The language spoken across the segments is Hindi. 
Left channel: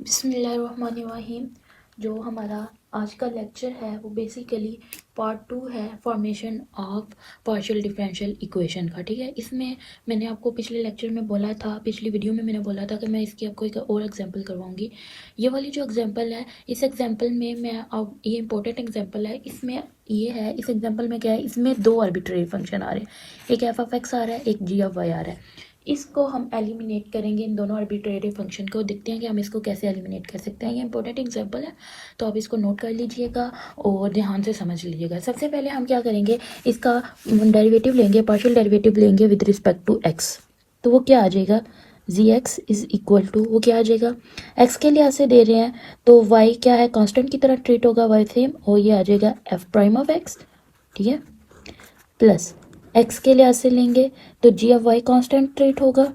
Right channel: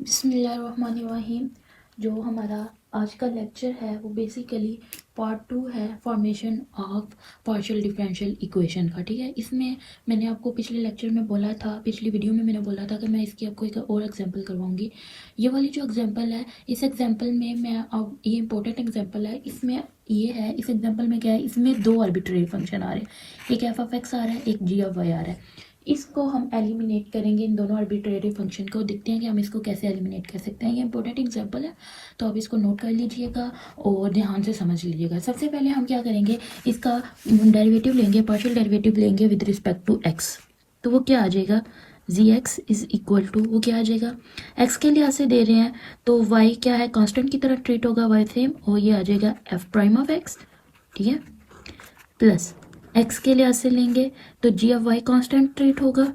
बिस्मिल्लाहिर्रहमानिर्रहीम। जो हमारा आज का लेक्चर है वो बेसिकली पार्ट 2 है formation of partial differential equation का। ठीक है, इसमें मैंने आपको पिछले लेक्चर में बोला था, पिछली वीडियो में मैंने बोला था कि मैं इसकी आपको एक और एग्जांपल करवाऊंगी। ये वाली जो एग्जांपल है, इस एग्जांपल में मैं अब ये इंपॉर्टेंट एग्जांपल है। इसमें ये है, इस एग्जांपल में क्या है, इसमें दो आर्बिट्रेरी फंक्शन आ रहे हैं, एक एफ ऑफ एक्स आ रहा है, एक जी ऑफ वाई आ रहा है। इसको हम एलिमिनेट करेंगे, इन दोनों आर्बिट्रेरी फंक्शन को। देखते हैं कि हम इसको कैसे एलिमिनेट कर सकते हैं। ये इंपॉर्टेंट एग्जांपल है, तो आप इसको नोट कर लीजिएगा और ध्यान से समझ लीजिएगा। सबसे पहले हम क्या करेंगे, इसका डेरिवेटिव लेंगे, पार्शियल डेरिवेटिव लेंगे विद रिस्पेक्ट टू एक्स। तो वो क्या आ जाएगा, जी एक्स इज इक्वल टू, वो क्या आ जाएगा, एक्स के लिहाज से दे रहे हैं तो वाई क्या है, कांस्टेंट की तरह ट्रीट होगा, वाई सेम, और ये आ जाएगा एफ प्राइम ऑफ एक्स। ठीक है, प्लस एक्स के लिहाज से लेंगे तो जी ऑफ वाई कांस्टेंट ट्रीट होगा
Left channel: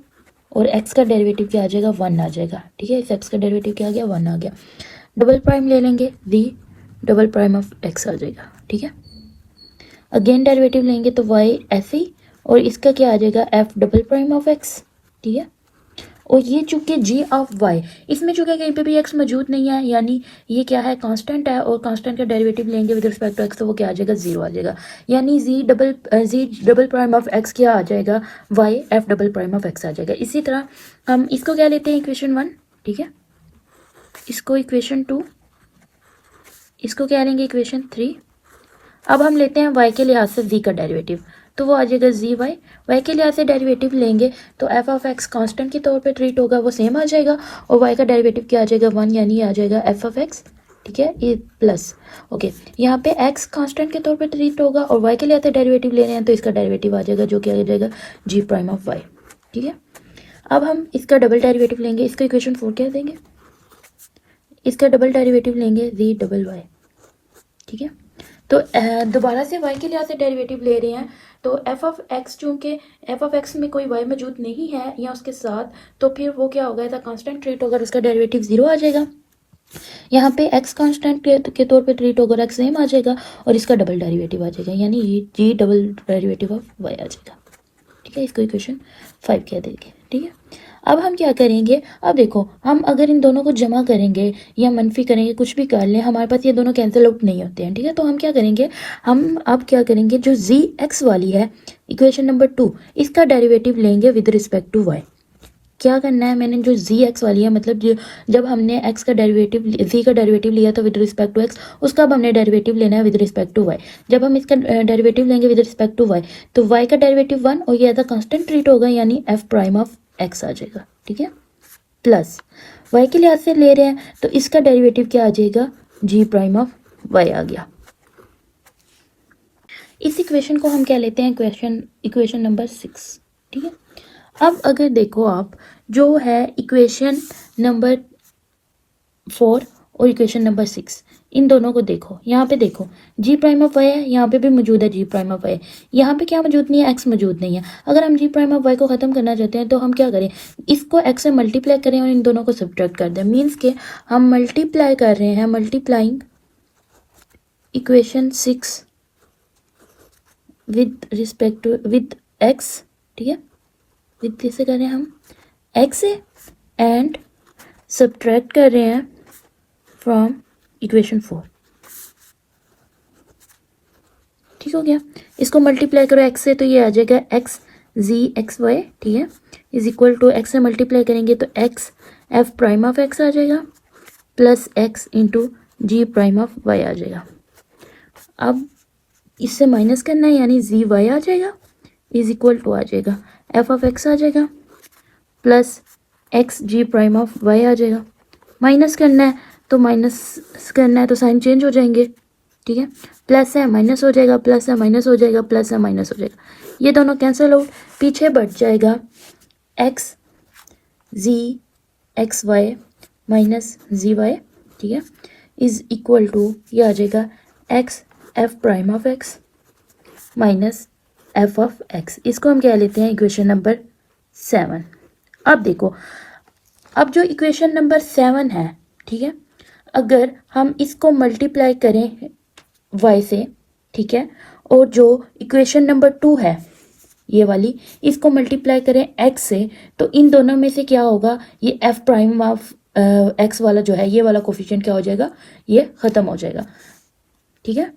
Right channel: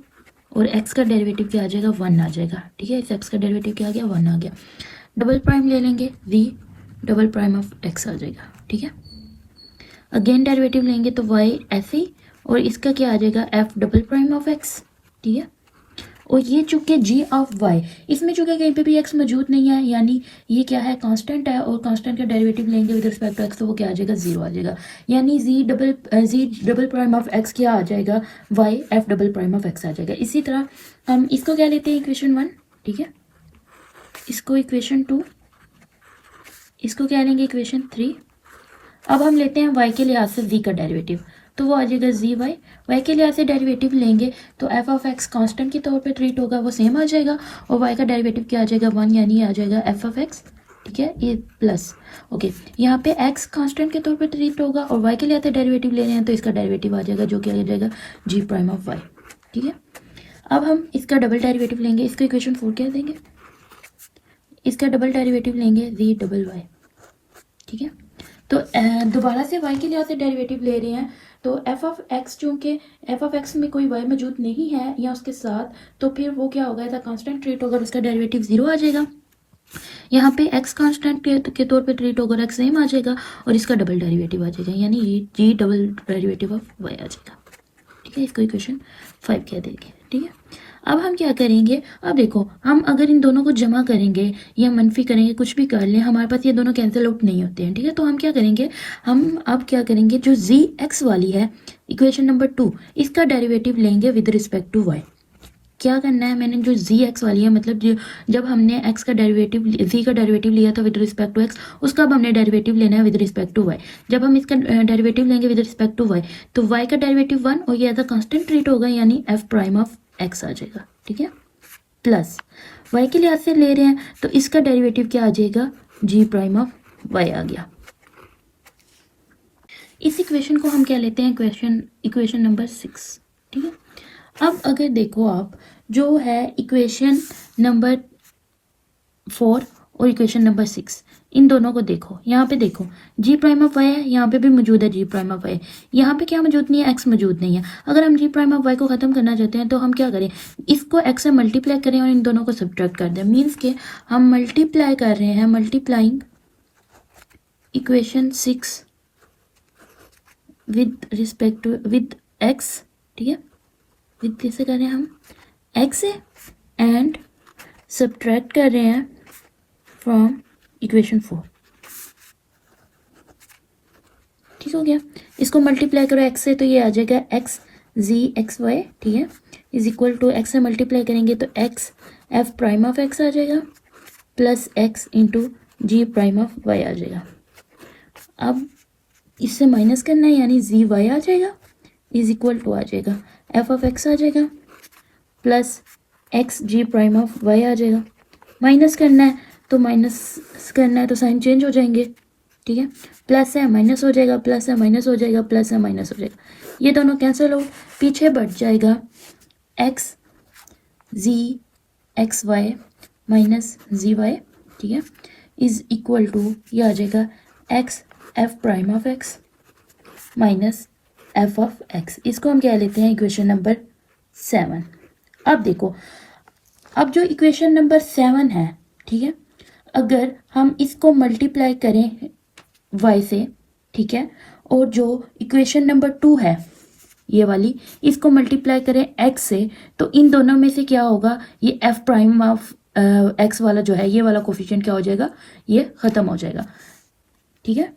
और एक्स का डेरिवेटिव क्या आ जाएगा, 1 आ जाएगा। ठीक है, इस एक्स का डेरिवेटिव क्या आ गया, 1 आ गया। डबल प्राइम ले लेंगे, v double prime of x आ जाएगा। ठीक है, अगेन डेरिवेटिव लेंगे तो वाई ऐसे ही, और इसका क्या आ जाएगा, F double prime of x. ठीक है, और ये चूंकि जी ऑफ वाई, इसमें चूंकि कहीं पे भी एक्स मौजूद नहीं है, यानी ये क्या है, कांस्टेंट है, और कांस्टेंट का डेरिवेटिव लेंगे विद रिस्पेक्ट टू एक्स तो वो क्या आ जाएगा, 0 आ जाएगा। यानी g double prime of x क्या आ जाएगा, y f double prime of x आ जाएगा। इसी तरह हम इसको क्या लेते हैं, इक्वेशन 1। ठीक है, इसको इक्वेशन 2, इसको क्या लेंगे, इक्वेशन 3। अब हम लेते हैं वाई के लिहाज से जी का डेरिवेटिव, तो वो आ जाएगा जी वाई। वाई के लिहाज से डेरिवेटिव लेंगे तो एफ ऑफ एक्स कांस्टेंट के तौर पे ट्रीट होगा, वो सेम आ जाएगा, और वाई का डेरिवेटिव क्या आ जाएगा, 1, यानी आ जाएगा एफ ऑफ एक्स। ठीक है, ये प्लस, ओके, यहाँ पे एक्स कांस्टेंट के तौर पे ट्रीट होगा और वाई के लिए डेरिवेटिव ले रहे हैं तो इसका डेरिवेटिव आ जाएगा, जो क्या आ जाएगा, जी प्राइम ऑफ वाई। ठीक है, अब हम इसका डबल डेरिवेटिव लेंगे, इसका इक्वेशन 4 क्या देंगे, इसका डबल डेरिवेटिव लेंगे जी डबल वाई। ठीक है, तो दोबारा से y के लिहाज से डेरिवेटिव ले रहे हैं तो एफ ऑफ एक्स, चूंकि एफ ऑफ एक्स में कोई y मौजूद नहीं है या उसके साथ, तो फिर वो क्या होगा, ऐसा कांस्टेंट ट्रीट होगा, उसका डेरिवेटिव 0 आ जाएगा। यहाँ पे x कांस्टेंट के तौर पे ट्रीट होगा, x सेम आ जाएगा, और इसका डबल डेरिवेटिव आ जाएगा, यानी ये जी डबल डेरिवेटिव ऑफ y आ जाएगा। ठीक है, इसको इक्वेशन 5 कह देंगे। ठीक है, अब हम क्या करेंगे, अब देखो, हम अगर इन दोनों को जमा करेंगे या मनफी करेंगे, कुछ भी कर लें, हमारे पास ये दोनों कैंसिल आउट नहीं होते हैं। ठीक है, तो हम क्या करेंगे, हम अब क्या करेंगे, जो जी एक्स वाली है इक्वेशन नंबर 2, इसका डेरिवेटिव लेंगे विद रिस्पेक्ट टू वाई। क्या करना है, मैंने जो जी एक्स वाली है, मतलब जो जब हमने एक्स का डेरिवेटिव, जी का डेरिवेटिव लिया था विद रिस्पेक्ट टू एक्स, उसका अब हमने डेरिवेटिव लेना है विद रिस्पेक्ट टू वाई। जब हम इसका डेरिवेटिव लेंगे विद रिस्पेक्ट टू वाई तो वाई का डेरिवेटिव 1 और ये एज अ कांस्टेंट ट्रीट होगा, यानी एफ प्राइम ऑफ एक्स आ जाएगा। ठीक है, प्लस वाई के लिहाज से ले रहे हैं तो इसका डेरिवेटिव क्या आ जाएगा, जी प्राइम ऑफ वाई आ गया। इस इक्वेशन को हम क्या लेते हैं, इक्वेशन नंबर 6। ठीक है, अब अगर देखो आप, जो है इक्वेशन नंबर 4 और इक्वेशन नंबर 6, इन दोनों को देखो, यहाँ पे देखो जी प्राइम ऑफ वाई है, यहाँ पे भी मौजूद है जी प्राइम ऑफ वाई, यहाँ पे क्या मौजूद नहीं है, एक्स मौजूद नहीं है। अगर हम जी प्राइम ऑफ वाई को ख़त्म करना चाहते हैं तो हम क्या करें, इसको एक्स से मल्टीप्लाई करें और इन दोनों को सब्ट्रैक्ट कर दें। मीन्स के हम मल्टीप्लाई कर रहे हैं, multiplying equation 6 with respect to with x. ठीक है, विद कैसे कर रहे हैं हम, एक्स से, एंड सब्ट्रैक्ट कर रहे हैं फ्रॉम इक्वेशन 4। ठीक हो गया, इसको मल्टीप्लाई करो एक्स से तो ये आ जाएगा एक्स जी एक्स वाई। ठीक है, इज इक्वल टू एक्स से मल्टीप्लाई करेंगे तो x f prime of x आ जाएगा, plus x into g prime of y आ जाएगा। अब इससे माइनस करना है, यानी जी वाई आ जाएगा, इज इक्वल टू आ जाएगा एफ ऑफ एक्स आ जाएगा, plus x g prime of y आ जाएगा। माइनस करना है तो माइनस करना है तो साइन चेंज हो जाएंगे। ठीक है, प्लस है माइनस हो जाएगा, प्लस है माइनस हो जाएगा, प्लस है माइनस हो जाएगा, ये दोनों कैंसिल आउट, पीछे बढ़ जाएगा x g x y minus जी वाई। ठीक है, इज इक्वल टू ये आ जाएगा x f prime of x minus F of x. इसको हम क्या लेते हैं, इक्वेशन नंबर 7। अब देखो, अब जो इक्वेशन नंबर 7 है, ठीक है, अगर हम इसको मल्टीप्लाई करें y से, ठीक है, और जो इक्वेशन नंबर 2 है ये वाली, इसको मल्टीप्लाई करें x से, तो इन दोनों में से क्या होगा, ये f प्राइम ऑफ एक्स वाला जो है ये वाला कोफिशिएंट क्या हो जाएगा, ये ख़त्म हो जाएगा, ठीक है।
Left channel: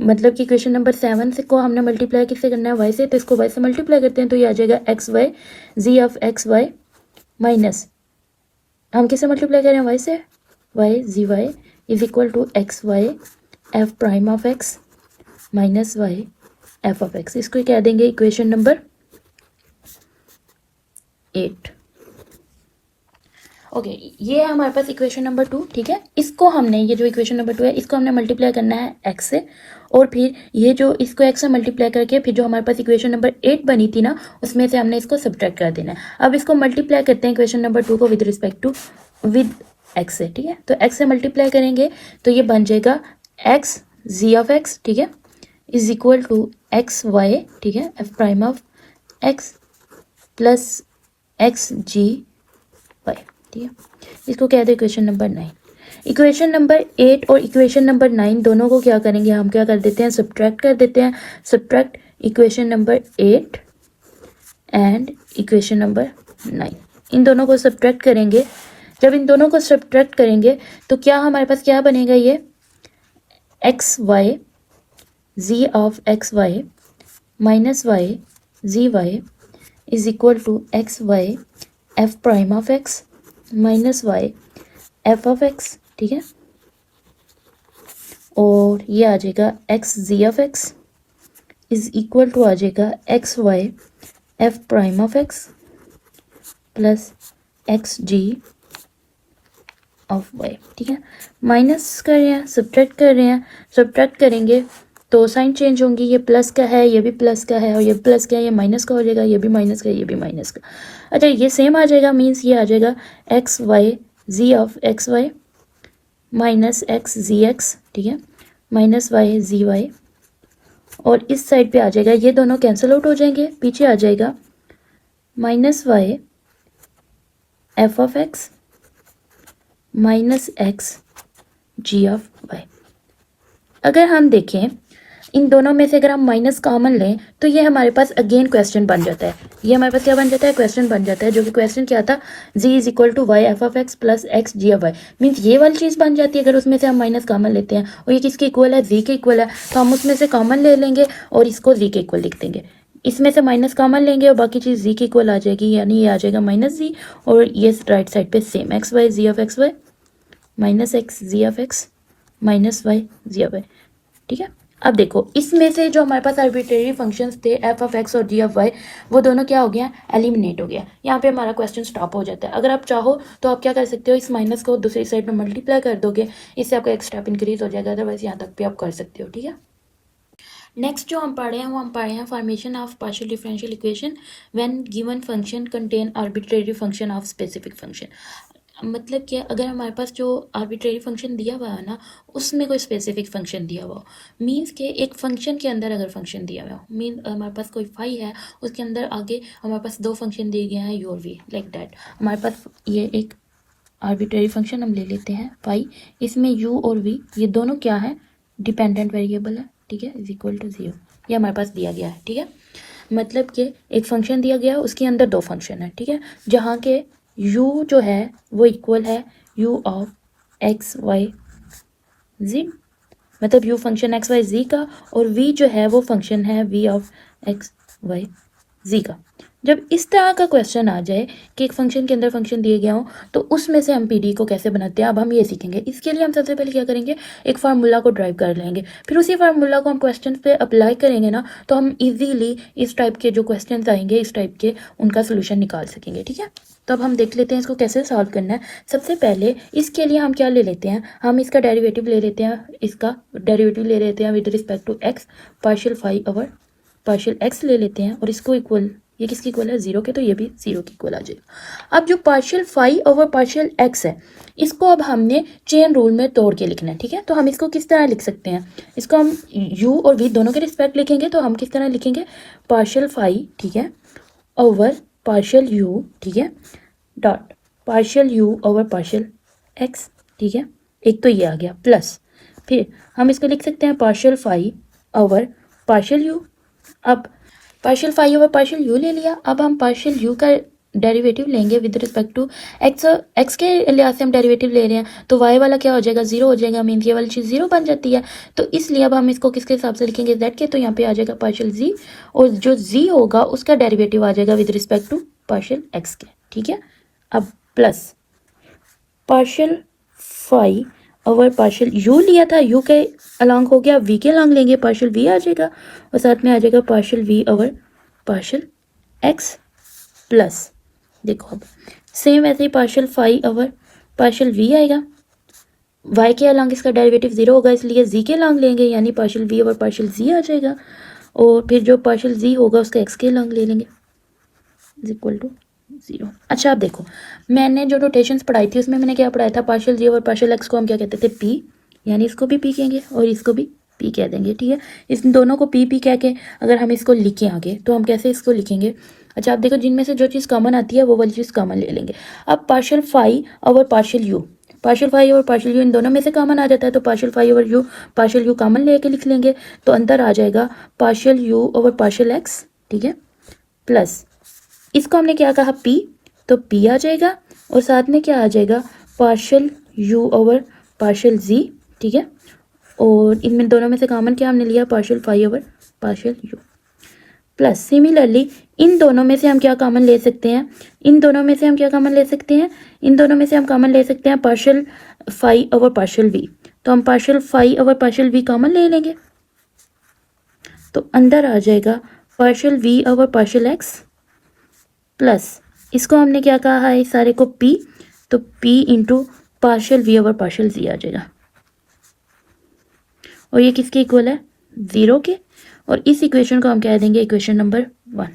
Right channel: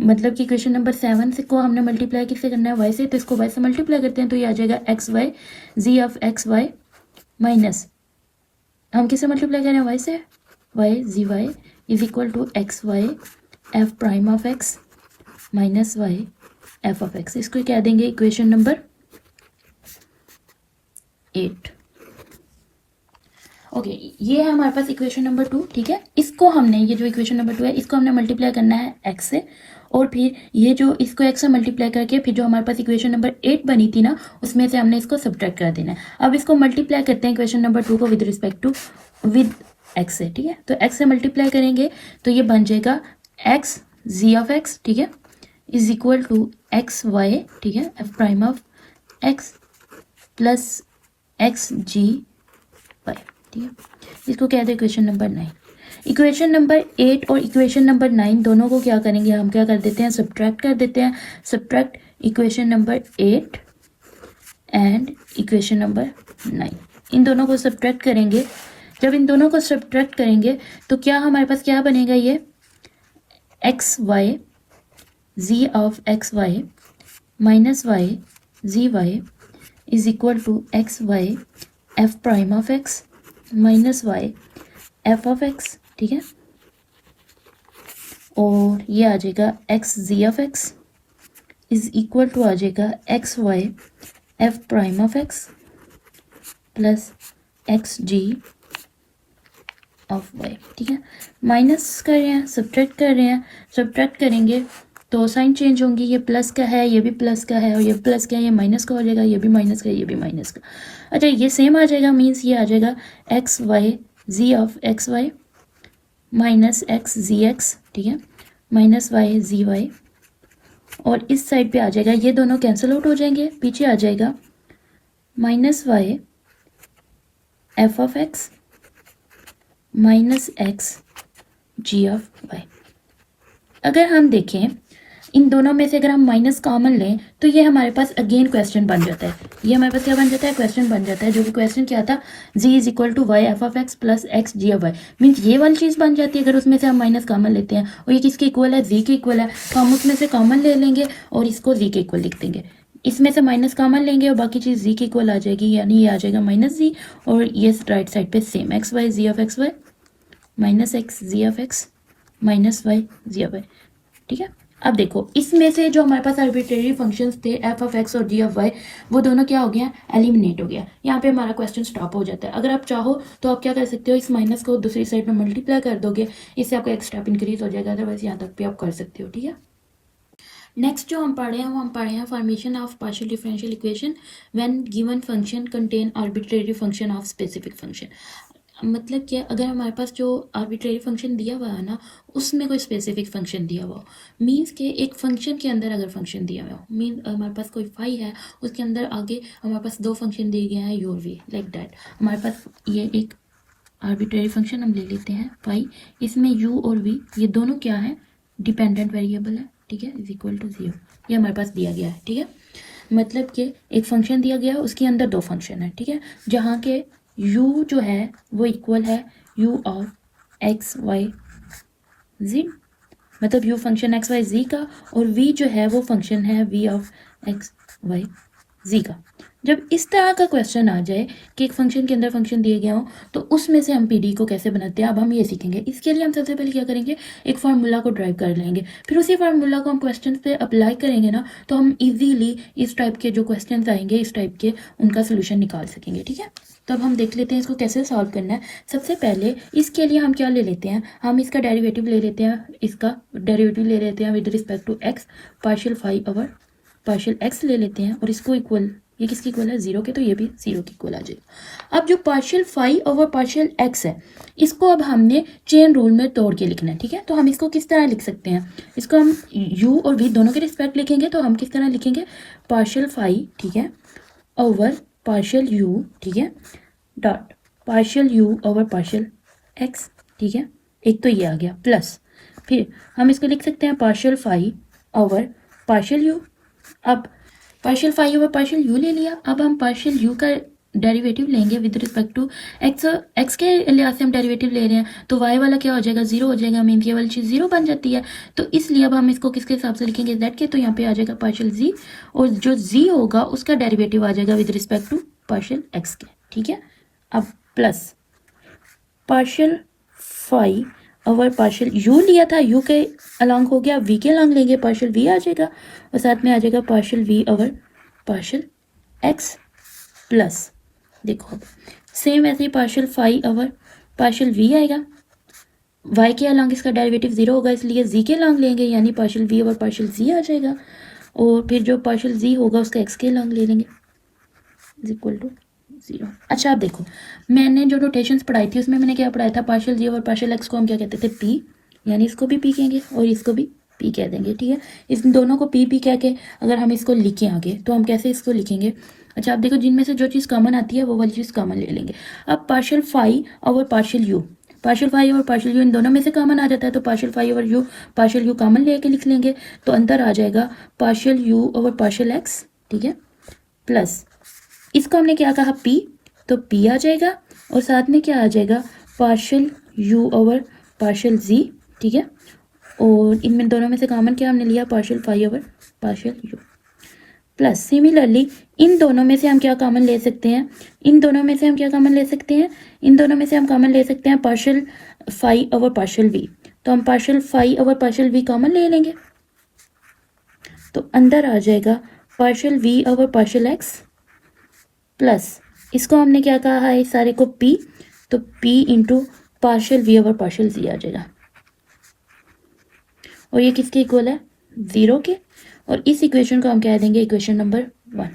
मतलब कि क्वेश्चन नंबर 7 से को हमने मल्टीप्लाई किससे करना है, वाई से, तो इसको वाई से मल्टीप्लाई करते हैं तो ये आ जाएगा x y g of x y minus, हम किससे मल्टीप्लाई करें, वाई से, y g y is equal to x y f prime of x minus y f of x. इसको क्या देंगे, इक्वेशन नंबर 8। ओके, ये है हमारे पास इक्वेशन नंबर 2, ठीक है। इसको हमने, ये जो इक्वेशन नंबर 2 है इसको हमने मल्टीप्लाई करना है एक्स से, और फिर ये जो इसको एक्स से मल्टीप्लाई करके फिर जो हमारे पास इक्वेशन नंबर 8 बनी थी ना उसमें से हमने इसको सब्ट्रैक्ट कर देना है। अब इसको मल्टीप्लाई करते हैं इक्वेशन नंबर 2 को with respect to with x से, ठीक है। तो एक्स से मल्टीप्लाई करेंगे तो ये बन जाएगा एक्स जी ऑफ एक्स, ठीक है, is equal to x y, ठीक है, f prime of x plus x g y, ठीक है। इसको क्या है इक्वेशन नंबर 9। इक्वेशन नंबर 8 और इक्वेशन नंबर 9 दोनों को क्या करेंगे, हम क्या कर देते हैं, सब्ट्रैक्ट कर देते हैं। Subtract equation number 8 and equation number 9, इन दोनों को सब्ट्रैक्ट करेंगे। जब इन दोनों को सब्ट्रैक्ट करेंगे तो क्या हमारे पास क्या बनेगा, ये x y g of x y minus y g y is equal to x y f prime of x minus y f of x, ठीक है। और ये आ जाएगा x g of x is equal to आ जाएगा x y f prime of x plus x g of y, ठीक है। माइनस कर रहे हैं, सब्ट्रैक्ट कर रहे हैं, सब्ट्रैक्ट करेंगे तो साइन चेंज होंगी, ये प्लस का है, ये भी प्लस का है, और ये प्लस का है, ये माइनस का हो जाएगा, ये भी माइनस का, ये भी माइनस का। अच्छा, ये सेम आ जाएगा, मीन्स ये आ जाएगा x y g of x y minus x g x, ठीक है, माइनस वाई जी वाई, और इस साइड पे आ जाएगा, ये दोनों कैंसिल आउट हो जाएंगे, पीछे आ जाएगा minus y f of x minus x g of y. अगर हम देखें इन दोनों में से अगर हम माइनस कॉमन लें तो ये हमारे पास अगेन क्वेश्चन बन जाता है, ये हमारे पास क्या बन जाता है, क्वेश्चन बन जाता है, जो कि क्वेश्चन क्या था, g is equal to y f of x plus x g of y, means ये वाली चीज़ बन जाती है अगर उसमें से हम माइनस कॉमन लेते हैं, और ये किसके इक्वल है, जी के इक्वल है, तो हम उसमें से कॉमन ले लेंगे और इसको जी के इक्वल लिख देंगे। इसमें से माइनस कॉमन लेंगे और बाकी चीज़ जी के इक्वल आ जाएगी, यानी ये आ जाएगा माइनस जी, और ये राइट साइड पे same x y g of x y minus x g of x minus y g of y, ठीक है। अब देखो इसमें से जो हमारे पास आर्बिट्रेरी फंक्शंस थे एफ ऑफ एक्स और जी ऑफ वाई, वो दोनों क्या हो गया, एलिमिनेट हो गया। यहाँ पे हमारा क्वेश्चन स्टॉप हो जाता है। अगर आप चाहो तो आप क्या कर सकते हो, इस माइनस को दूसरी साइड में मल्टीप्लाई कर दोगे, इससे आपका एक स्टेप इंक्रीज हो जाएगा, अदरवाइज यहाँ तक भी आप कर सकते हो, ठीक है। नेक्स्ट जो हम पढ़े हैं वो हम पढ़े हैं formation of partial differential equation when given function contain arbitrary function of specific function. मतलब कि अगर हमारे पास जो आर्बिट्रेरी फंक्शन दिया हुआ है ना, उसमें कोई स्पेसिफिक फंक्शन दिया हुआ हो, मीन्स के एक फंक्शन के अंदर अगर फंक्शन दिया हुआ हो, मीन हमारे पास कोई फाई है, उसके अंदर आगे हमारे पास दो फंक्शन दिए गए हैं यू और वी, लाइक दैट। हमारे पास ये एक आर्बिट्रेरी फंक्शन हम ले लेते हैं फाई, इसमें यू और वी ये दोनों क्या है, डिपेंडेंट वेरिएबल है, ठीक है, इज इक्वल टू 0, ये हमारे पास दिया गया है, ठीक है। मतलब कि एक फंक्शन दिया गया है, उसके अंदर दो फंक्शन है, ठीक है, जहाँ के u जो है वो इक्वल है u ऑफ एक्स वाई जी, मतलब u फंक्शन एक्स वाई जी का, और v जो है वो फंक्शन है v ऑफ एक्स वाई जी का। जब इस तरह का क्वेश्चन आ जाए कि एक फंक्शन के अंदर फंक्शन दिए गया हो, तो उसमें से हम पीडी को कैसे बनाते हैं अब हम ये सीखेंगे। इसके लिए हम सबसे पहले क्या करेंगे, एक फार्मूला को ड्राइव कर लेंगे, फिर उसी फार्मूला को हम क्वेश्चन पे अप्लाई करेंगे ना, तो हम इजीली इस टाइप के जो क्वेश्चन आएंगे इस टाइप के उनका सोल्यूशन निकाल सकेंगे, ठीक है। तो अब हम देख लेते हैं इसको कैसे सॉल्व करना है। सबसे पहले इसके लिए हम क्या ले लेते हैं, हम इसका डेरिवेटिव ले लेते हैं, इसका डेरिवेटिव ले लेते हैं with respect to x, partial phi over partial x ले लेते हैं, और इसको इक्वल, ये किसकी इक्वल है, 0 के, तो ये भी 0 की इक्वल आ जाएगा। अब जो partial phi over partial x है, इसको अब हमने चेन रूल में तोड़ के लिखना है, ठीक है। तो हम इसको किस तरह लिख सकते हैं, इसको हम u और v दोनों के रिस्पेक्ट लिखेंगे, तो हम किस तरह लिखेंगे, पार्शियल फाई, ठीक है, ओवर पार्शियल u, ठीक है, dot partial u over partial x, ठीक है, एक तो ये आ गया, प्लस फिर हम इसको लिख सकते हैं partial phi over partial u। अब partial phi over partial u ले लिया, अब हम पार्शियल u का डेरिवेटिव लेंगे विद रिस्पेक्ट टू एक्स के लिहाज से हम डेरिवेटिव ले रहे हैं तो वाई वाला क्या हो जाएगा, जीरो हो जाएगा, मीन्स ये वाली चीज़ जीरो बन जाती है। तो इसलिए अब हम इसको किसके हिसाब से लिखेंगे, जेड के, तो यहाँ पे आ जाएगा पार्शियल जी, और जो जी होगा उसका डेरिवेटिव आ जाएगा with respect to partial x के, ठीक है। अब plus partial phi over partial u लिया था, यू के अलॉन्ग हो गया, वी के अलॉन्ग लेंगे, पार्शियल वी आ जाएगा, और साथ में आ जाएगा partial v over partial x plus, देखो सेम ऐसे ही partial phi over partial v आएगा, वाई के अलॉन्ग इसका डेरिवेटिव जीरो होगा इसलिए जी के अलॉन्ग लेंगे, यानी partial v over partial z आ जाएगा, और फिर जो पार्शियल जी होगा उसका एक्स के अलॉन्ग ले लेंगे इज इक्वल टू जीरो। अच्छा आप देखो, मैंने जो नोटेशंस पढ़ाई थी उसमें मैंने क्या पढ़ाया था, पार्शियल जी ओवर पार्शियल एक्स को हम क्या कहते थे, पी, यानी इसको भी पी कहेंगे और इसको भी पी कह देंगे, ठीक है। इस दोनों को पी कह के अगर हम इसको लिखें आगे तो हम कैसे इसको लिखेंगे। अच्छा आप देखो, जिनमें से जो चीज़ कॉमन आती है वो वाली चीज़ कॉमन ले लेंगे। अब partial phi over partial u, partial phi और पार्शियल यू इन दोनों में से कॉमन आ जाता है, तो partial phi over u partial u common लेके लिख लेंगे, तो अंदर आ जाएगा partial u over partial x, ठीक है, प्लस इसको हमने क्या कहा, पी, तो पी आ जाएगा, और साथ में क्या आ जाएगा, partial u over partial z, ठीक है, और इनमें दोनों में से कॉमन क्या हमने लिया, partial phi over partial u, plus similarly इन दोनों में से हम क्या कॉमन ले सकते हैं, इन दोनों में से हम क्या कॉमन ले सकते हैं, इन दोनों में से हम कॉमन ले सकते हैं partial phi over partial v, तो हम partial phi over partial v common ले लेंगे, तो अंदर आ जाएगा partial v over partial x plus इसको हमने क्या कहा है, सारे को पी, तो p into partial v over partial z आ जाएगा, और ये किसके इक्वल है, जीरो के, और इस इक्वेशन को हम कह देंगे इक्वेशन नंबर 1।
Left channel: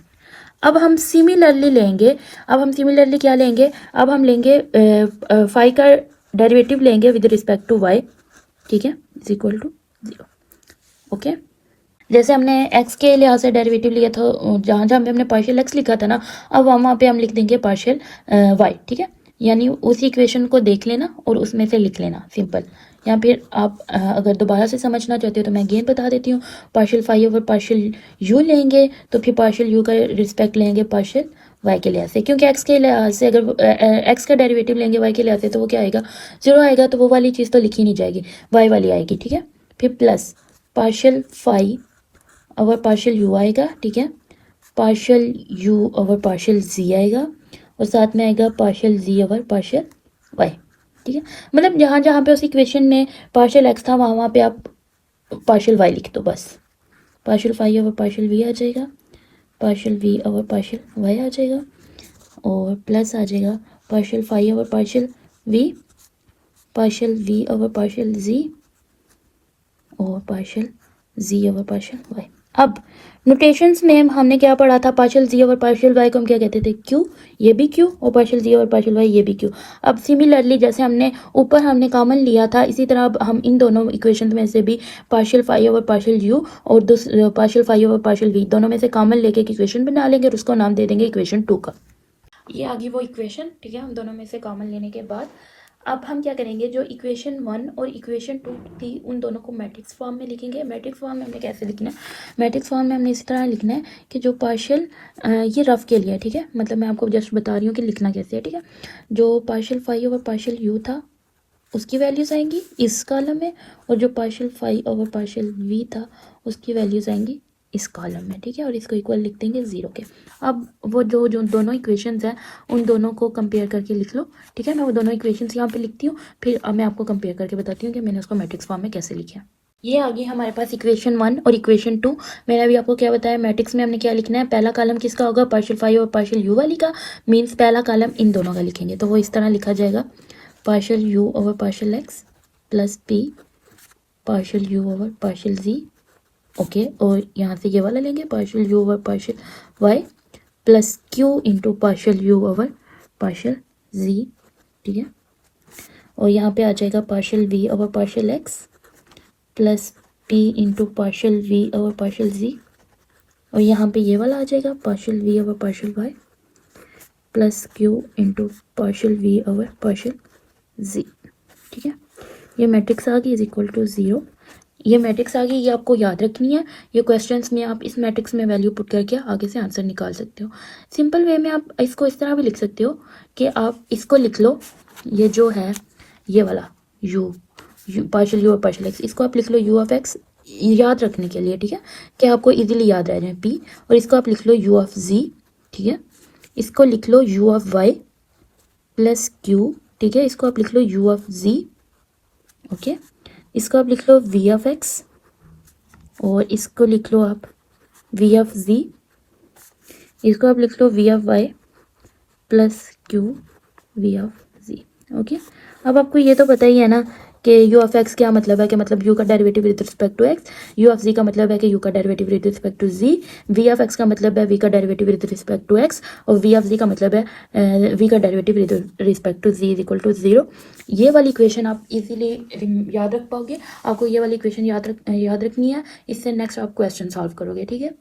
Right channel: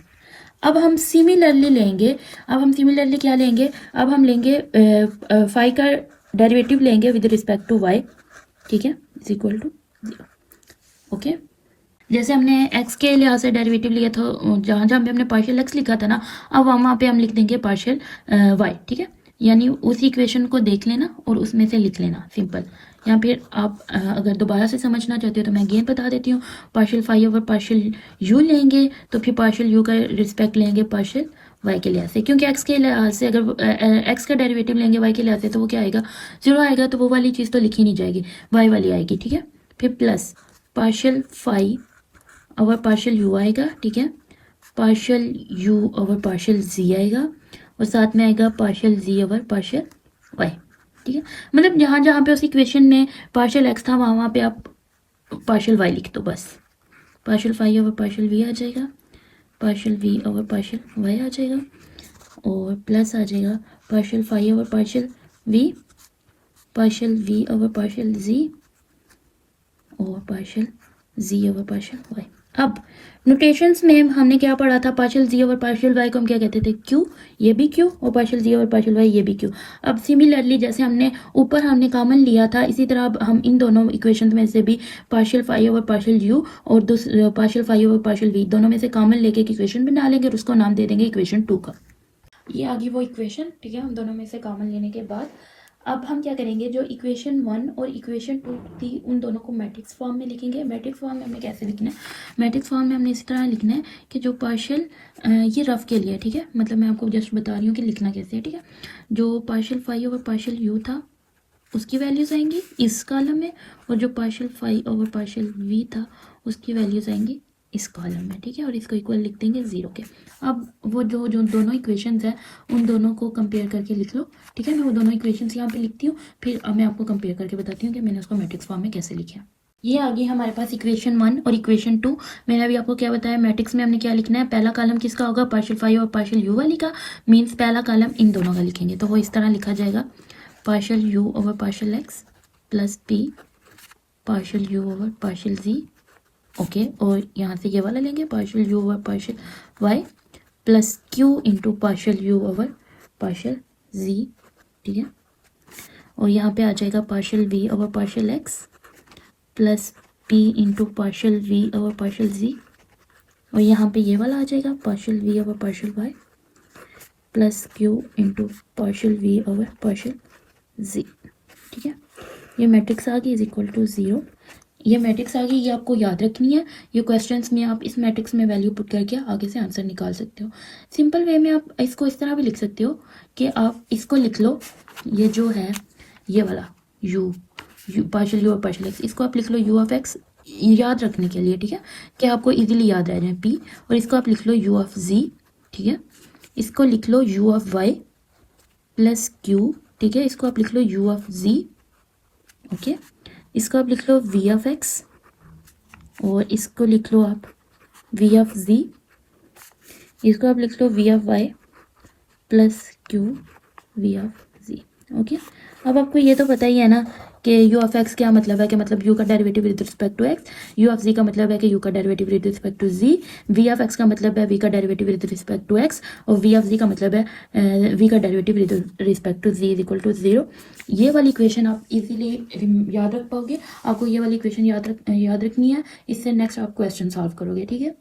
अब हम सिमिलरली लेंगे, अब हम सिमिलरली क्या लेंगे, अब हम लेंगे फाई का डेरिवेटिव लेंगे विद रिस्पेक्ट टू वाई, ठीक है, is equal to zero, okay. जैसे हमने एक्स के लिहाज से डेरिवेटिव लिया था, जहाँ जहाँ पे हमने पार्शियल एक्स लिखा था ना, अब वहाँ पे हम लिख देंगे पार्शियल वाई, ठीक है, यानी उसी इक्वेशन को देख लेना और उसमें से लिख लेना, सिंपल। या फिर आप अगर दोबारा से समझना चाहते हो तो मैं अगेन बता देती हूँ, partial phi over partial u लेंगे, तो फिर पार्शियल यू का रिस्पेक्ट लेंगे पार्शियल वाई के लिहाज से, क्योंकि एक्स के लिहाज से अगर एक्स का डेरिवेटिव लेंगे वाई के लिहाज से तो वो क्या आएगा, जीरो आएगा, तो वो वाली चीज़ तो लिखी नहीं जाएगी, वाई वाली आएगी, ठीक है। फिर plus partial phi over partial u आएगा, ठीक है, partial u over partial g आएगा, और साथ में आएगा पार्शियल जी ओवर पार्शियल वाई, ठीक है। मतलब जहाँ जहाँ पे उस इक्वेशन में पार्शियल एक्स था वहाँ वहाँ पे आप पार्शियल वाई लिख दो बस, partial phi over partial v आ जाएगा, partial v over partial y आ जाएगा, और प्लस आ जाएगा partial phi over partial v over partial z, और पार्शियल जी ओवर पार्शियल वाई। अब नोटेशंस में हमने क्या पढ़ा था, पार्शियल जी ओवर पार्शियल वाई को हम क्या कहते थे, क्यू, ये भी क्यू, और पार्शियल जी ओवर पार्शियल वाई ये भी क्यू। अब सिमिलरली जैसे हमने ऊपर हमने कॉमन लिया था, इसी तरह अब हम इन दोनों इक्वेशन में से भी partial phi over partial u और partial phi over partial v दोनों में से कॉमन लेके एक इक्वेशन बना लेंगे और उसको नाम दे देंगे इक्वेशन 2 का। ये आ गई वो इक्वेशन, ठीक है, हम दोनों में से कॉमन लेने के बाद अब हम क्या करेंगे, जो इक्वेशन 1 और इक्वेशन 2 थी उन दोनों को मैट्रिक्स फॉर्म में लिखेंगे। मैट्रिक्स फॉर्म में हमने कैसे लिखना है, मैट्रिक्स फॉर्म में हमने इस तरह लिखना है कि जो पार्शियल, ये रफ के लिए, ठीक है, मतलब मैं आपको जस्ट बता रही हूँ कि लिखना कैसे है, ठीक है। जो partial phi over partial u था उसकी वैल्यूज आएंगी इस कॉलम में, और जो partial phi over partial v था उसकी वैल्यूज आएंगी इस कॉलम में, ठीक है, और इसको इक्वल लिख देंगे जीरो के। अब वो जो जो दोनों इक्वेशंस हैं उन दोनों को कंपेयर करके लिख लो, ठीक है। मैं वो दोनों इक्वेशंस यहाँ पे लिखती हूँ, फिर मैं आपको कंपेयर करके बताती हूँ कि मैंने उसको मैट्रिक्स फॉर्म में कैसे लिखा। ये आ गई हमारे पास इक्वेशन 1 और इक्वेशन 2। मैंने अभी आपको क्या बताया, मैट्रिक्स में हमने क्या लिखना है, पहला कॉलम किसका होगा, पार्शियल फाई और पार्शियल यू वाली का, मीन्स पहला कॉलम इन दोनों का लिखेंगे, तो वो इस तरह लिखा जाएगा, partial u over partial x plus p partial u over partial z, okay, और यहाँ से ये वाला लेंगे partial u over partial y plus q into partial u over partial z, ठीक है, और यहाँ पे आ जाएगा partial v over partial x plus p into partial v over partial z, और यहाँ पे ये वाला आ जाएगा partial v over partial y plus q into partial v over partial z, ठीक है। ये मैट्रिक्स आ गई इज इक्वल टू 0, ये मैट्रिक्स आ गई, ये आपको याद रखनी है। ये क्वेश्चंस में आप इस मैट्रिक्स में वैल्यू पुट करके आगे से आंसर निकाल सकते हो। सिंपल वे में आप इसको इस तरह भी लिख सकते हो कि आप इसको लिख लो, ये जो है ये वाला यू पार्शियल यू और पार्शियल एक्स, इसको आप लिख लो यू ऑफ एक्स, याद रखने के लिए, ठीक है, कि आपको इजीली याद रह रहे हैं पी। और इसको आप लिख लो यू ऑफ जी, ठीक है, इसको लिख लो u of y plus q, ठीक है, इसको आप लिख लो यू ऑफ जी, ओके, इसको आप लिख लो वी ऑफ एक्स और इसको लिख लो आप वी ऑफ जी, इसको आप लिख लो v of y plus q v of z, okay. अब आपको ये तो पता ही है ना कि यू ऑफ एक्स क्या मतलब है, कि मतलब यू का derivative with respect to x, u of z का मतलब है कि यू का derivative with respect to z, v of x का मतलब है वी का derivative with respect to x, और वी ऑफ जी का मतलब है वी का derivative with respect to z is equal to 0। ये वाली इक्वेशन आप इजीली याद रख पाओगे, आपको ये वाली इक्वेशन याद रखनी है, इससे नेक्स्ट आप क्वेश्चन सॉल्व करोगे, ठीक है।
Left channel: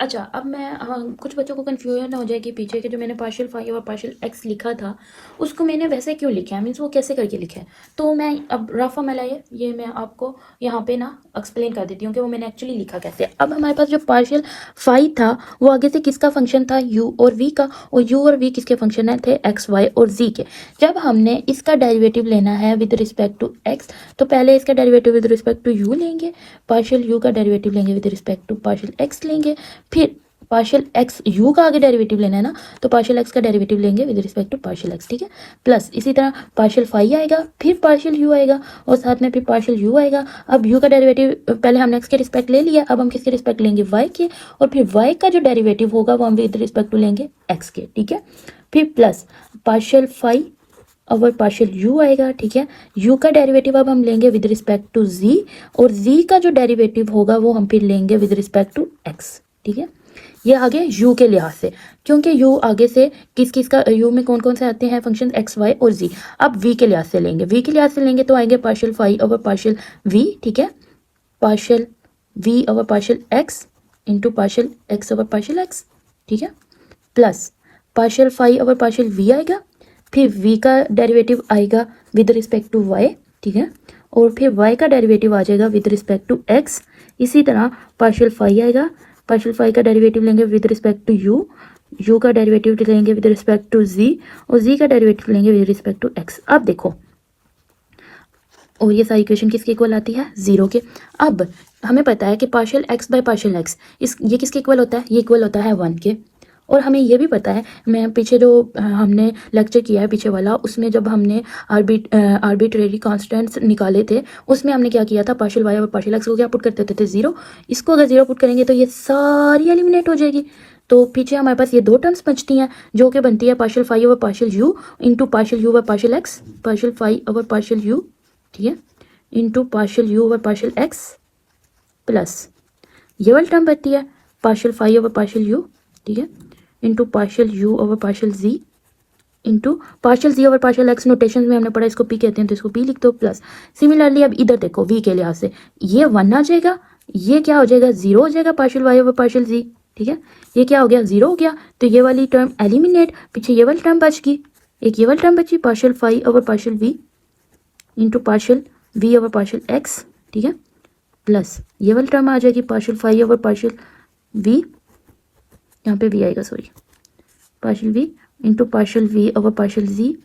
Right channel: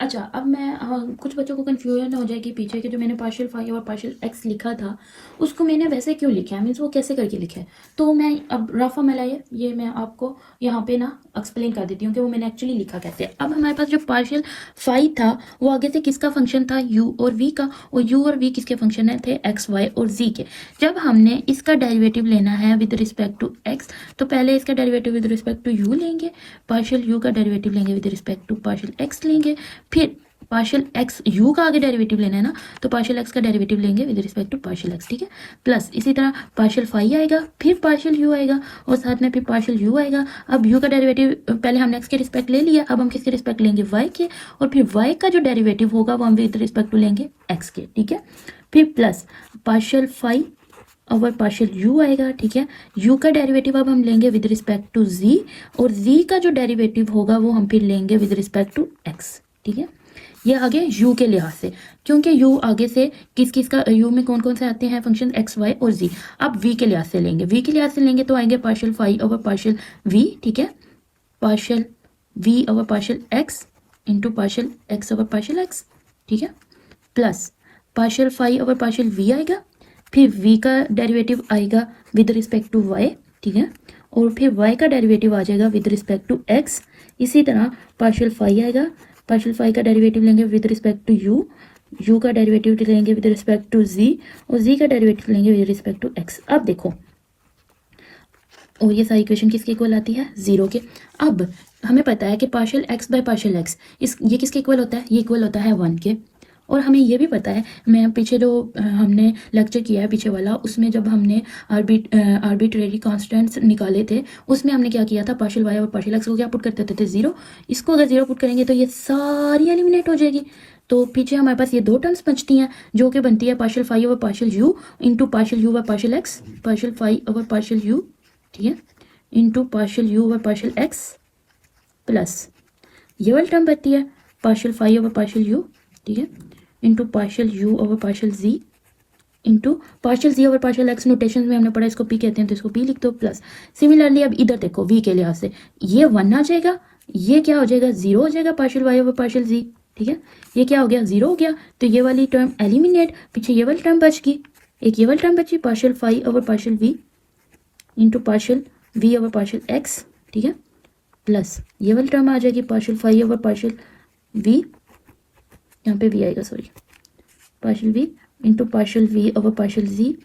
अच्छा, अब मैं कुछ बच्चों को कन्फ्यूजन हो जाएगी पीछे कि जो मैंने पार्शियल फाई और पार्शियल एक्स लिखा था उसको मैंने वैसे क्यों लिखा है, मीन्स वो कैसे करके लिखा है। तो मैं अब रफ फॉर्मूला है ये मैं आपको यहाँ पे ना एक्सप्लेन कर देती हूँ कि वो मैंने एक्चुअली लिखा कैसे है। अब हमारे पास जो पार्शियल फाई था वो आगे से किसका फंक्शन था, यू और वी का, और यू और वी किसके फंक्शन थे, एक्स वाई और जी के। जब हमने इसका डेरिवेटिव लेना है विद रिस्पेक्ट टू एक्स, तो पहले इसका derivative with respect to u लेंगे, पार्शियल यू का डेरिवेटिव लेंगे with respect to partial x लेंगे, फिर पार्शियल एक्स यू का आगे डेरिवेटिव लेना है ना, तो पार्शियल एक्स का डेरिवेटिव लेंगे with respect to partial x, ठीक है। प्लस इसी तरह पार्शियल फाई आएगा, फिर पार्शियल यू आएगा, और साथ में फिर पार्शियल यू आएगा। अब यू का डेरिवेटिव पहले हमने एक्स के रिस्पेक्ट ले लिया, अब हम किसके रिस्पेक्ट लेंगे, वाई के, और फिर वाई का जो डेरिवेटिव होगा वो हम विद रिस्पेक्ट टू लेंगे एक्स के, ठीक है। फिर प्लस पार्शियल फाई और पार्शियल यू आएगा, ठीक है। यू का डेरिवेटिव अब हम लेंगे विद रिस्पेक्ट टू जी, और जी का जो डेरिवेटिव होगा वो हम फिर लेंगे विद रिस्पेक्ट टू एक्स, ठीक है। ये आगे यू के लिहाज से, क्योंकि यू आगे से किस का यू में कौन कौन से आते हैं फंक्शन एक्स वाई और जी। अब वी के लिहाज से लेंगे, वी के लिहाज से लेंगे तो आएंगे partial phi over partial v, ठीक है, partial v over partial x into partial x over partial x, ठीक है, plus partial phi over partial v आएगा, फिर वी का डेरिवेटिव आएगा विद रिस्पेक्ट टू वाई, ठीक है, और फिर वाई का डेरिवेटिव आ जाएगा विद रिस्पेक्ट टू एक्स। इसी तरह पार्शियल फाई आएगा, पार्शियल फाई का डेरिवेटिव लेंगे with respect to you, you का डेरिवेटिव लेंगे विद रिस्पेक्ट टू जी, और जी का डेरिवेटिव लेंगे विद रिस्पेक्ट टू एक्स। अब देखो, और ये सारी इक्वेशन किसके इक्वल आती है, 0 के। अब हमें पता है कि partial x by partial x ये किसके इक्वल होता है, ये इक्वल होता है 1 के। और हमें ये भी पता है, मैं पीछे जो हमने लेक्चर किया है पीछे वाला, उसमें जब हमने आर्बिट्रेरी कांस्टेंट्स निकाले थे उसमें हमने क्या किया था, पार्शियल वाई और पार्शियल एक्स को क्या पुट करते थे 0। इसको अगर 0 पुट करेंगे तो ये सारी एलिमिनेट हो जाएगी। तो पीछे हमारे पास ये दो टर्म्स बचती हैं जो कि बनती है partial phi over partial u into partial u over partial x, partial phi over partial u, ठीक है, into partial u over partial x, plus ये वाली टर्म बनती है partial phi over partial u, ठीक है, into partial u over partial g into partial जी ओवर पार्शियल एक्स। नोटेशन में हमने पढ़ा इसको पी कहते हैं तो इसको पी लिख दो, प्लस सिमिलरली अब इधर देखो वी के लिहाज से ये 1 आ जाएगा, ये क्या हो जाएगा 0 हो जाएगा partial Y over partial z, ठीक है, ये क्या हो गया 0 हो गया, तो ये वाली टर्म एलिमिनेट, पीछे ये वाली टर्म बच गई, एक ये वाली टर्म बची partial phi over partial v into partial v over partial x, ठीक है, प्लस ये वाली टर्म आ जाएगी partial phi over partial v, यहाँ पे वी आएगा sorry, partial v into partial v over partial z,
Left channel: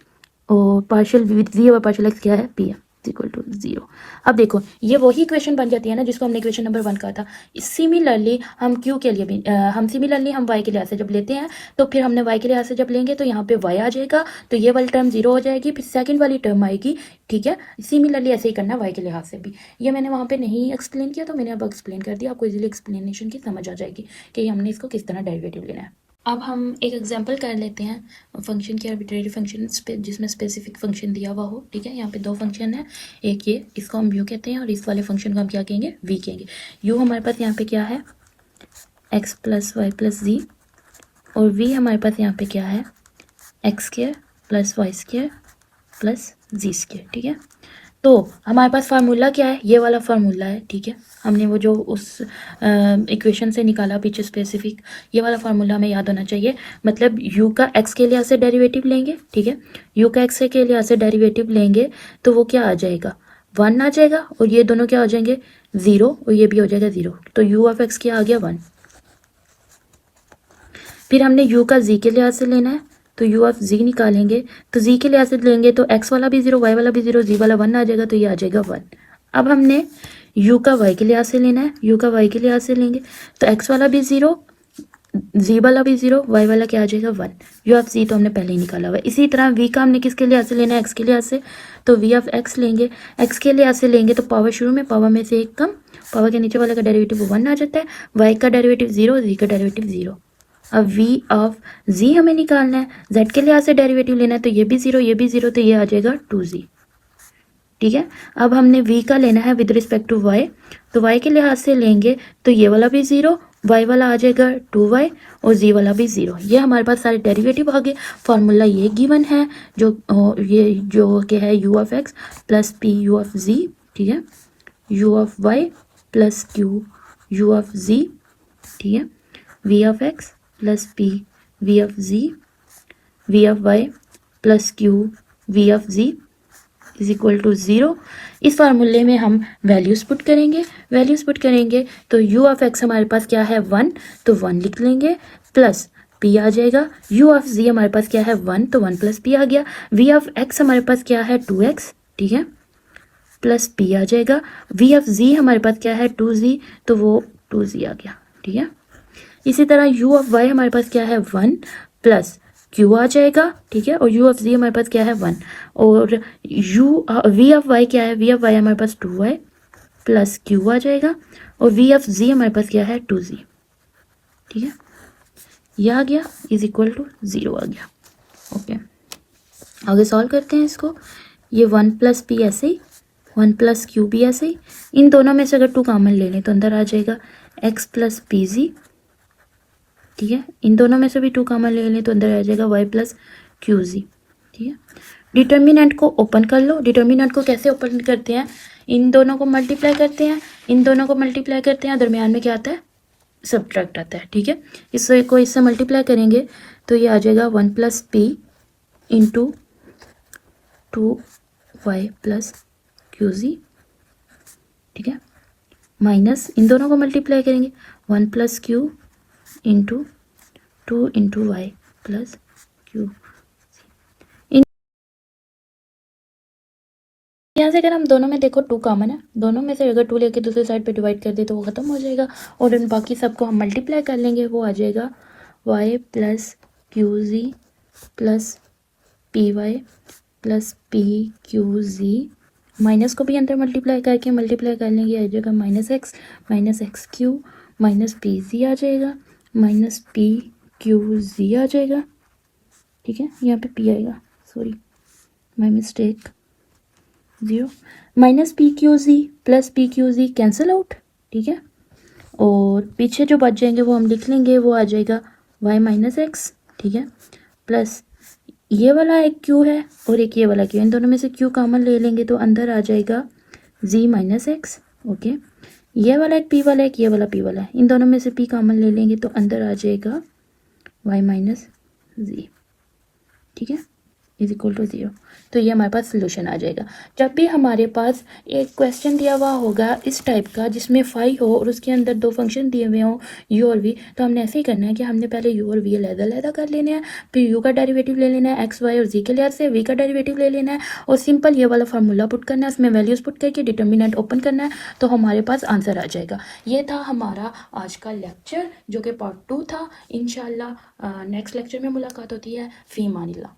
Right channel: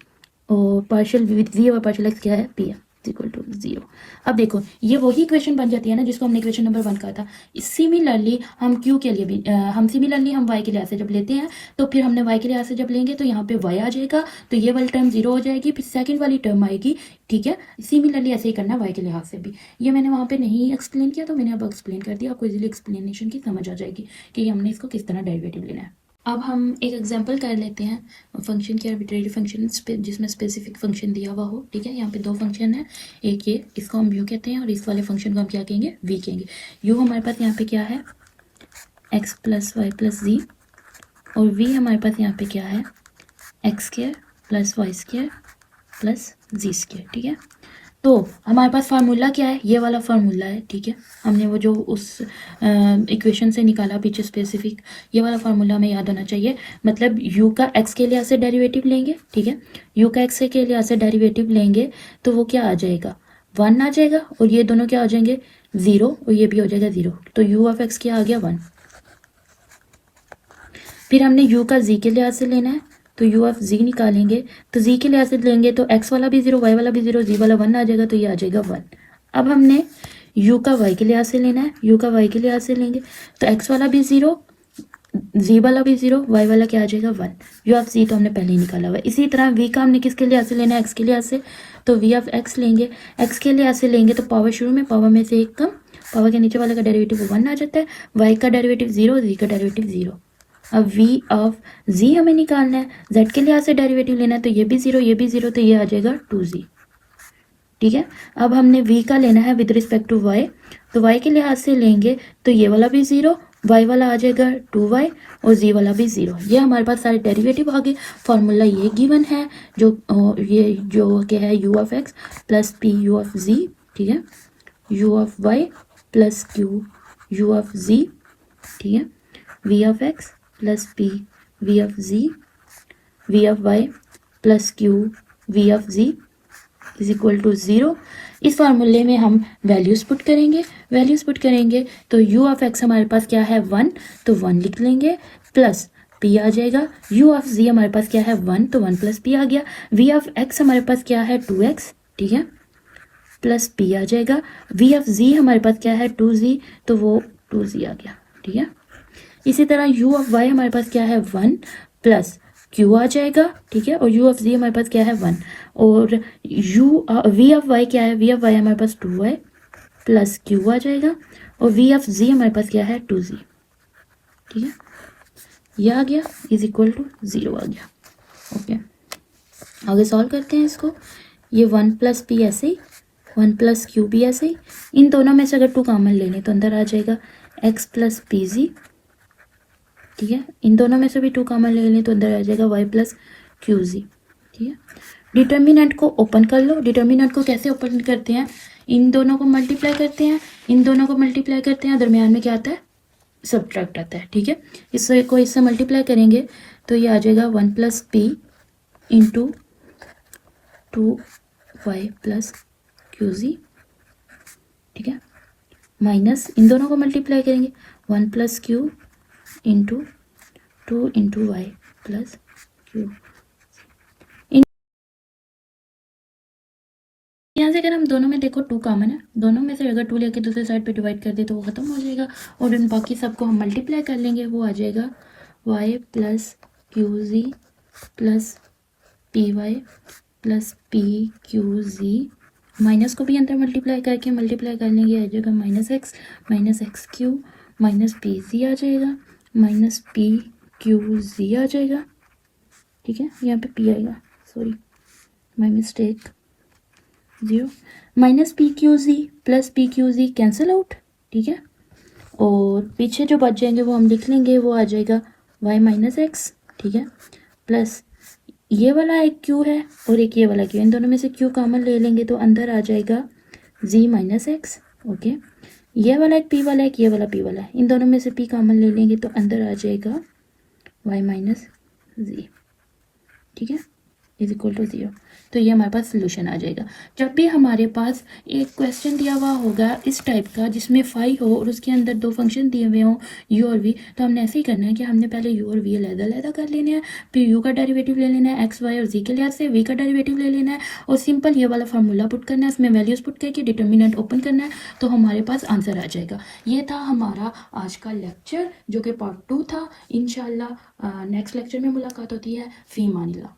और partial v z over partial x क्या है, पी है इक्वल टू 0। अब देखो ये वही इक्वेशन बन जाती है ना जिसको हमने इक्वेशन नंबर 1 कहा था। सिमिलरली हम क्यू के लिए भी हम सिमिलरली हम वाई के लिहाज से जब लेते हैं तो फिर हमने वाई के लिहाज से जब लेंगे तो यहाँ पे वाई आ जाएगा, तो ये वाली टर्म 0 हो जाएगी, फिर सेकंड वाली टर्म आएगी, ठीक है। सिमिलरली ऐसे ही करना वाई के लिहाज से भी। ये मैंने वहाँ पे नहीं एक्सप्लेन किया तो मैंने अब एक्सप्लेन कर दिया, आपको इजीली एक्सप्लेनेशन की समझ आ जाएगी कि हमने इसको किस तरह डेरिवेटिव लेना है। अब हम एक एग्जांपल कर लेते हैं फंक्शन की, आर्बिट्रेरी फंक्शन जिसमें स्पेसिफिक फंक्शन दिया हुआ हो, ठीक है। यहाँ पे दो फंक्शन है, एक ये इसको हम यू कहते हैं और इस वाले फंक्शन को हम क्या कहेंगे, वी कहेंगे। यू हमारे पास यहाँ पे क्या है x plus y plus z, और वी हमारे पास यहाँ पे क्या है x square plus y square plus z square, ठीक है। तो हमारे पास फार्मूला क्या है, ये वाला फार्मूला है, ठीक है। हमने वो जो उस इक्वेशन से निकाला पीछे स्पेसिफिक, ये वाला फार्मूला हमें याद होना चाहिए। मतलब यू का एक्स के लिहाज से डेरिवेटिव लेंगे, ठीक है, यू का एक्स के लिहाज से डेरिवेटिव लेंगे तो वो क्या आ जाएगा, 1 आ जाएगा और ये दोनों क्या हो जाएंगे 0 और ये भी हो जाएगा 0, तो u ऑफ x क्या आ गया 1। फिर हमने u का z के लिहाज से लेना है, तो u ऑफ z निकालेंगे, तो z के लिहाज से लेंगे तो x वाला भी 0, y वाला भी 0, z वाला 1 आ जाएगा, तो ये आ जाएगा 1। अब हमने u का y के लिहाज से लेना है, u का y के लिहाज से लेंगे तो x वाला भी 0, z वाला भी 0, y वाला क्या आ जाएगा 1। u ऑफ z तो हमने पहले ही निकाला हुआ है। इसी तरह v का हमने किसके लिहाज से लेना है, x के लिहाज से, तो v ऑफ x लेंगे, x के लिहाज से लेंगे तो पावर शुरू में पावर में से एक कम, पावर के नीचे वाले का डेरिवेटिव 1 आ जाता है, y का डेरिवेटिव 0, z का डेरिवेटिव 0। अब v ऑफ z हमें निकालना है, z के लिहाज से डेरिवेटिव लेना है, तो ये भी 0, ये भी 0, तो ये आ जाएगा 2z। ठीक है, अब हमने v का लेना है विद रिस्पेक्ट टू y, तो y के लिहाज से लेंगे तो ये वाला भी 0, y वाला आ जाएगा 2y और z वाला भी 0। ये हमारे पास सारे डेरिवेटिव आ गए। फॉर्मूला ये गिवन है ये जो क्या है u of x plus p u of z, ठीक है, u of y plus q u of z, ठीक है, v of x plus p v of z, v of y plus q v of z is equal to 0। इस फार्मूले में हम वैल्यूज पुट करेंगे तो u ऑफ x हमारे पास क्या है 1, तो 1 लिख लेंगे, प्लस p आ जाएगा, u ऑफ z हमारे पास क्या है 1, तो 1 प्लस p आ गया, v ऑफ x हमारे पास क्या है 2x, ठीक है, प्लस p आ जाएगा, v ऑफ z हमारे पास क्या है 2z, तो वो 2z आ गया, ठीक है। इसी तरह u ऑफ y हमारे पास क्या है 1 प्लस q आ जाएगा, ठीक है, और u ऑफ z हमारे पास क्या है 1, और v ऑफ y क्या है, v ऑफ y हमारे पास 2y प्लस q आ जाएगा, और v ऑफ z हमारे पास क्या है 2z, ठीक है, यह आ गया इज इक्वल टू 0 आ गया। ओके, आगे सॉल्व करते हैं इसको। ये 1 प्लस p ऐसे ही, 1 प्लस q भी ऐसे ही, इन दोनों में से अगर 2 कॉमन ले लें तो अंदर आ जाएगा x प्लस pz, ठीक है, इन दोनों में से भी 2 कॉमन ले लें तो अंदर आ जाएगा y प्लस qz, ठीक है। डिटर्मिनेंट को ओपन कर लो। डिटर्मिनेंट को कैसे ओपन करते हैं, इन दोनों को मल्टीप्लाई करते हैं, इन दोनों को मल्टीप्लाई करते हैं, दरमियान में क्या आता है सब्ट्रैक्ट आता है, ठीक है। इससे मल्टीप्लाई करेंगे तो ये आ जाएगा 1 plus p into 2y plus qz, ठीक है, माइनस इन दोनों को मल्टीप्लाई करेंगे 1 plus q into 2 into y plus q। यहाँ से अगर हम दोनों में देखो 2 कॉमन है, दोनों में से अगर 2 लेके दूसरे साइड पे डिवाइड कर दी तो वो ख़त्म हो जाएगा, और इन बाकी सबको हम मल्टीप्लाई कर लेंगे, वो आ जाएगा y plus qz plus py plus pqz, minus को भी अंदर मल्टीप्लाई कर लेंगे, आ जाएगा minus x Q minus pz आ जाएगा, माइनस pqz आ जाएगा, ठीक है, यहाँ पे p आएगा, sorry my mistake, 0, minus pqz plus pqz cancel out, ठीक है, और पीछे जो बच जाएंगे वो हम लिख लेंगे, वो आ जाएगा y माइनस एक्स, ठीक है, प्लस ये वाला एक q है और एक ये वाला q, इन दोनों में से q कॉमन ले लेंगे तो अंदर आ जाएगा z माइनस एक्स। ओके, ये वाला एक p वाला, एक ये वाला p वाला है, इन दोनों में से p कॉमन ले लेंगे तो अंदर आ जाएगा y माइनस z, ठीक है, इज इक्वल टू 0। तो ये हमारे पास सोल्यूशन आ जाएगा। जब भी हमारे पास एक क्वेश्चन दिया हुआ होगा इस टाइप का जिसमें फाई हो और उसके अंदर 2 फंक्शन दिए हुए हों u और v, तो हमने ऐसे ही करना है कि हमने पहले u और v अलग-अलग कर लेने हैं, फिर u का डेरिवेटिव ले लेना है x y और z के लिहाज से, v का डेरिवेटिव ले लेना है और सिंपल ये वाला फार्मूला पुट करना है, उसमें वैल्यूज़ पुट करके डिटर्मिनेंट ओपन करना है, तो हमारे पास आंसर आ जाएगा। ये था हमारा आज का लेक्चर जो कि पार्ट 2 था। इंशाल्लाह नेक्स्ट लेक्चर में मुलाकात होती है। फ़ी अमानिल्लाह।